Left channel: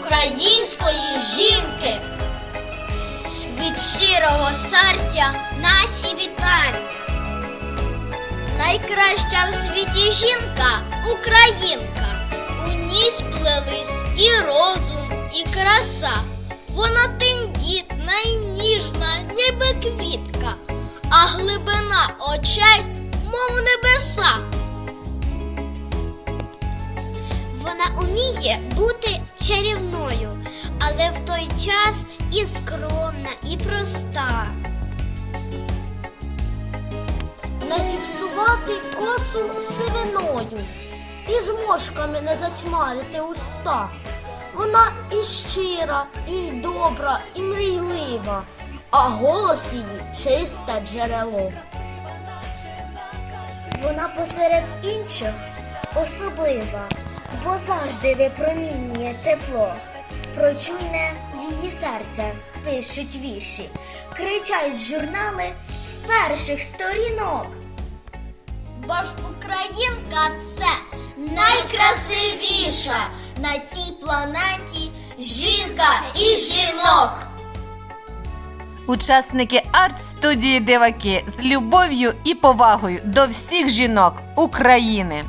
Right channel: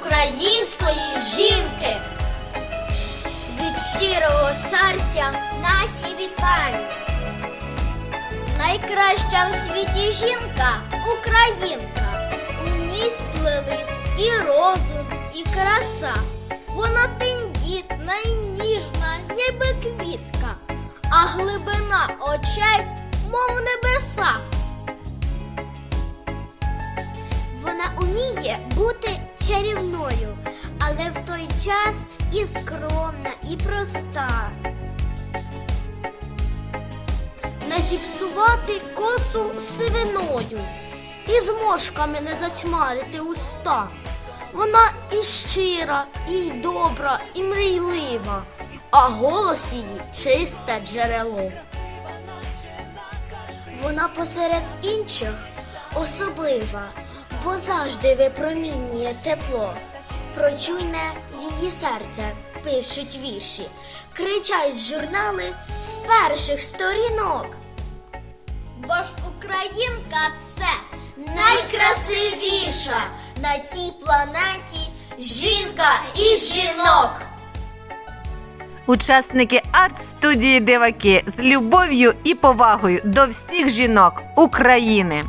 української жінки. Від щирого серця наші вітання. Найкраща в світі жінка українка. У ній сплелись і розум, і краса. Вона тендітна і ніжна, ніби квітка, а глибина очей, мов небеса. Вона уміє бути чарівною, але в той час і скромна, і проста. не зіпсувати косу сивиною, і зморшками не затьмарити уста. Вона і щира, і добра, і мрійлива, а голос її чисте джерело. Вона посеред інших особлива, бо завжди випромінює тепло. Прочуйне її серце, пишуть вірші, кричать журнали з перших сторінок. Бо ж українка це найкрасивіша на цій планеті жінка і жінок. Учасники арт-студії Диваки з любов'ю і повагою до всіх жінок України.